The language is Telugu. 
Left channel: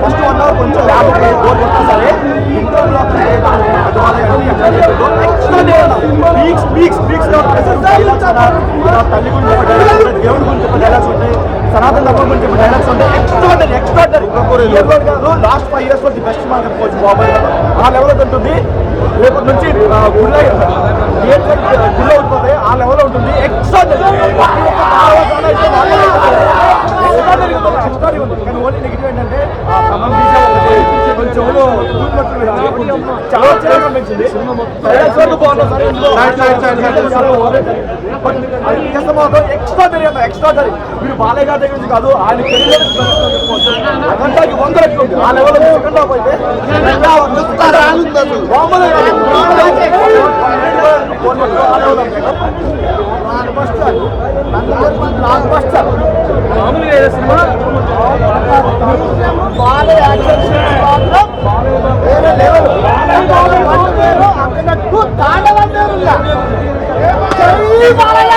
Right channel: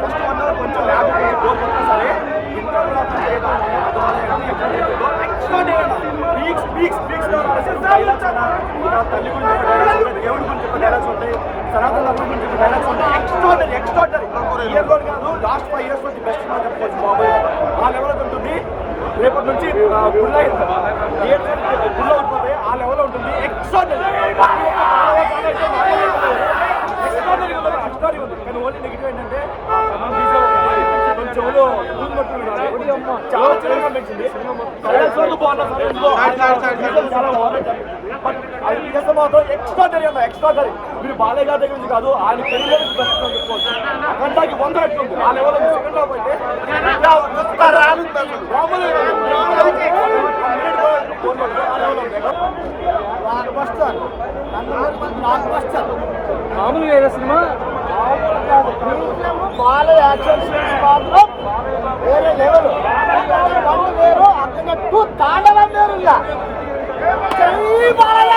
ఫస్ట్ 1 అవర్ కొంచెం ల్యాబ్ బోర్ కొట్టా సరే ఇంటర్లో తల్లి గురించి ఒక డైలాగ్స్ ఉంటాయి, దేవుడి గురించి ఒక డైలాగ్స్ ఉంటాయి, సనాతన ధర్మం గురించి ఒక డైలాగ్స్ ఉంటాయి. ఎక్స్ట్రాడనరీ ఇయర్ రోడ్ కాదు, లాస్ట్ 5 years లో ది బెస్ట్ మనం చెప్పుకోవచ్చు. బాబాయ్ ఆ లెవెల్లో ఉంటుంది. రేపటి నుంచి గుళ్ళ ఉండిపోతాయి, ఆ లెవెల్లో ఉంటుంది. ఎక్స్ట్రాడనరీ ఉంది. కానీ ఓన్లీ నెగిటివ్ ఏంటంటే మన కొంచెం చెవులు చూసినట్టు చాలా చాలా పెంచింది. డైలాగ్స్ వరకు బాగుంటుంది సరే, చాలా బట్ అది మాత్రం ఎక్స్ట్రాడనరీ అన్న ఎక్స్ట్రాడనరీ. మీరు బాలయ్య గారి దగ్గర నుంచి కాదు, ఆయన కెరీర్ చెప్పుకోవచ్చు. అఖండాకి 100 రెట్లు ఉంది. ఆ లెవెల్లో సెకండ్ హాఫ్ అయితే బాలయ్య యాక్షన్ సీన్స్ మాత్రం వేరే లెవెల్. వేరు అక్కడ తాండవం వేరుగా జై బాలయ్య.